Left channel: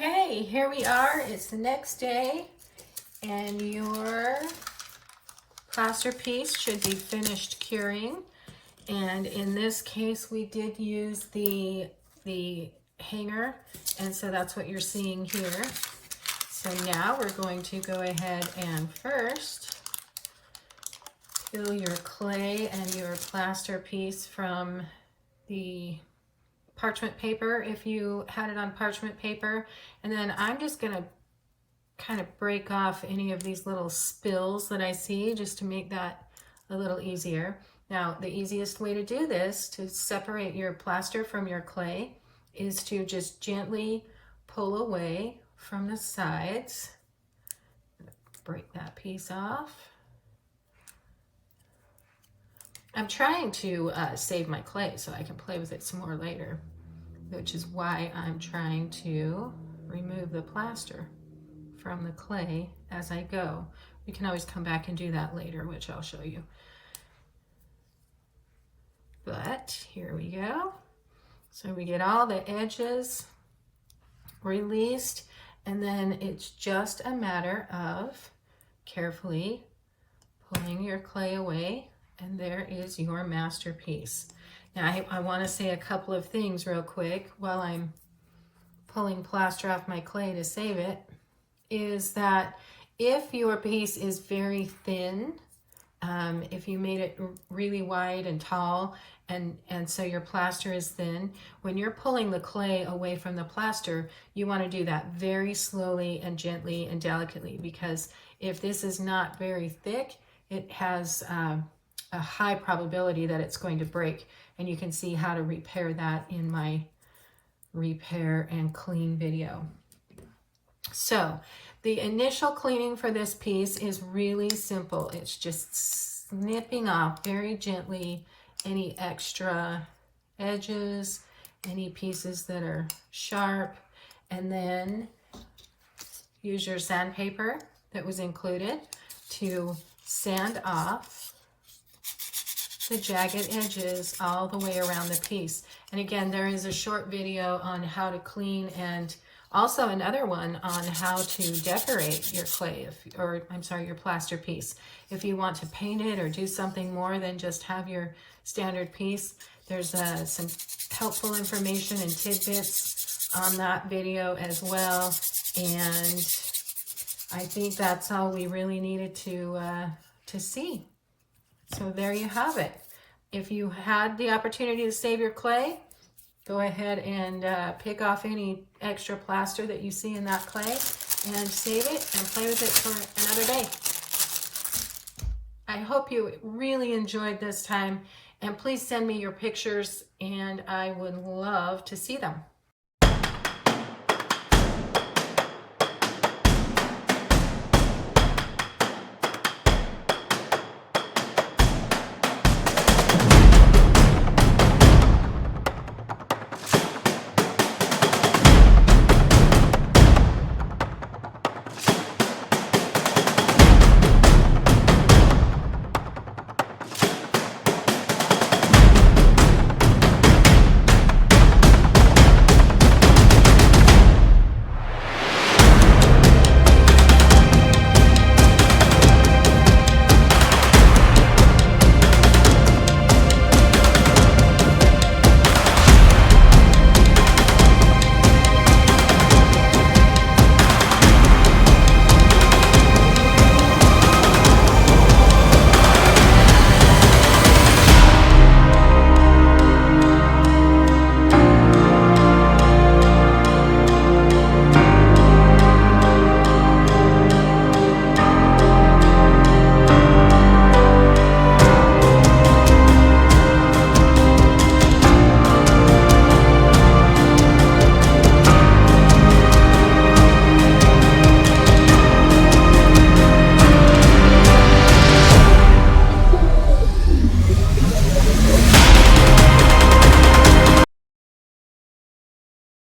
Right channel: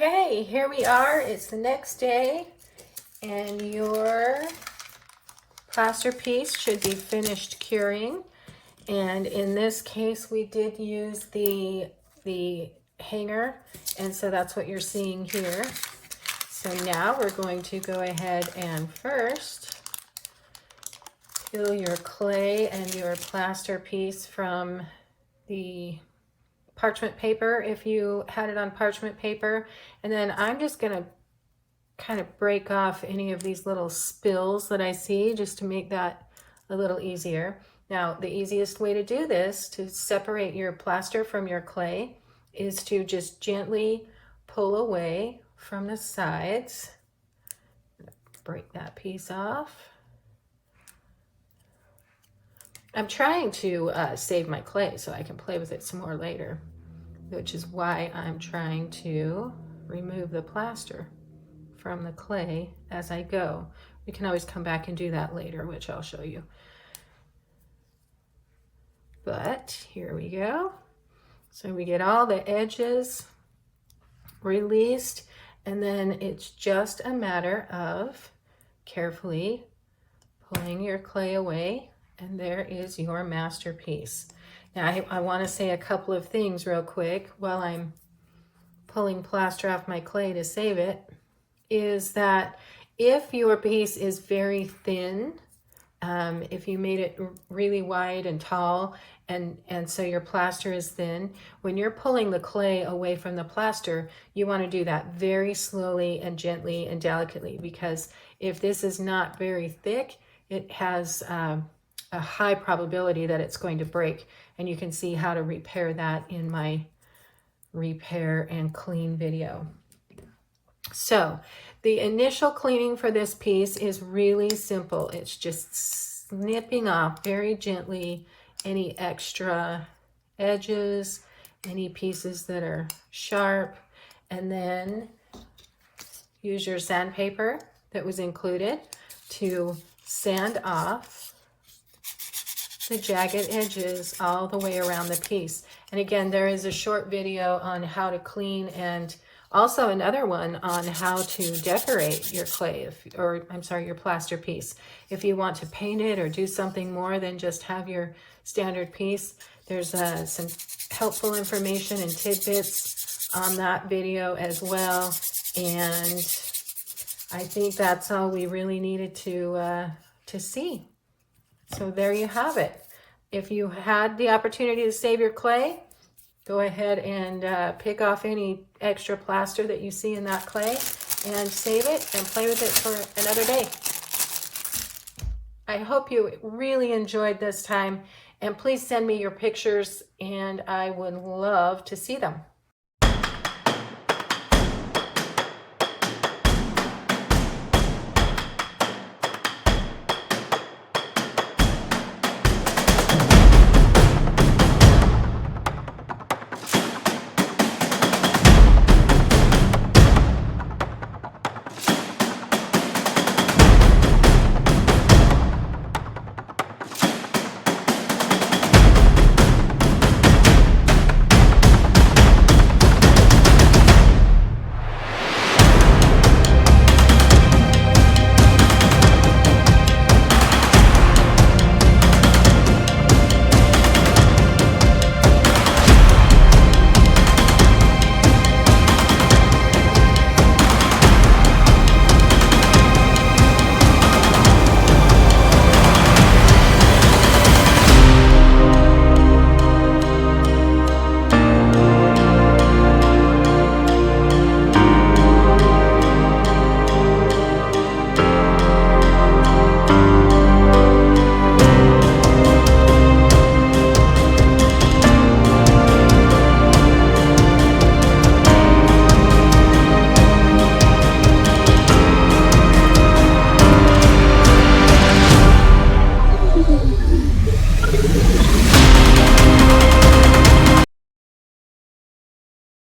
Okay, here we are. It's the next day, and your plaster piece should be finished curing. And in this case, we did use the hanger, and so that's what you're seeing here. So now we're going to go ahead and first fill your clay and your plaster piece from the parchment paper if you had it on parchment paper. And then I'm just going to kind of break off any of these little spills that I see just to make that a little easier. Now, the easiest way to do this, to separate your plaster from your clay, is to just gently pull away from the sides. Break that piece off. I'm trying to save my clay so I can play with it some more later, which is why I'm trying to remove the plaster from the clay as I go. We can always come back and do that later, which I'll show you. But here we go. So we get all the edges released, and then it's just a matter of carefully pulling your clay away, and there is your masterpiece. Now I want to say a couple of things real quick while I'm pulling plaster off my clay to save it, is that if your piece is very thin, if you made it really wide and tall, and so your plaster is thin, when you're pulling the clay away from the plaster, you want to do that very slowly and gently and delicately, because if this is not very thick, it has a high probability that it's going to break. And you can see how to repair that in my repair and clean video. So the initial cleaning for this piece is really simple. It's just snipping off very gently any extra edges, any pieces that are sharp, and then use your sandpaper that was included to sand off the jagged edges all the way around the piece. And again, there is a short video on how to clean, and also another one on how to decorate your clay, your plaster piece. If you want to paint it or do something more than just have your standard piece, there's some helpful information and tidbits on that video as well. And I think that's all we really needed to see. So there you have it. If you had the opportunity to save your clay, go ahead and pick off any extra plaster that you see in that clay and save it and play with it for another day. I hope you really enjoyed this time, and please send me your pictures, and I would love to see them.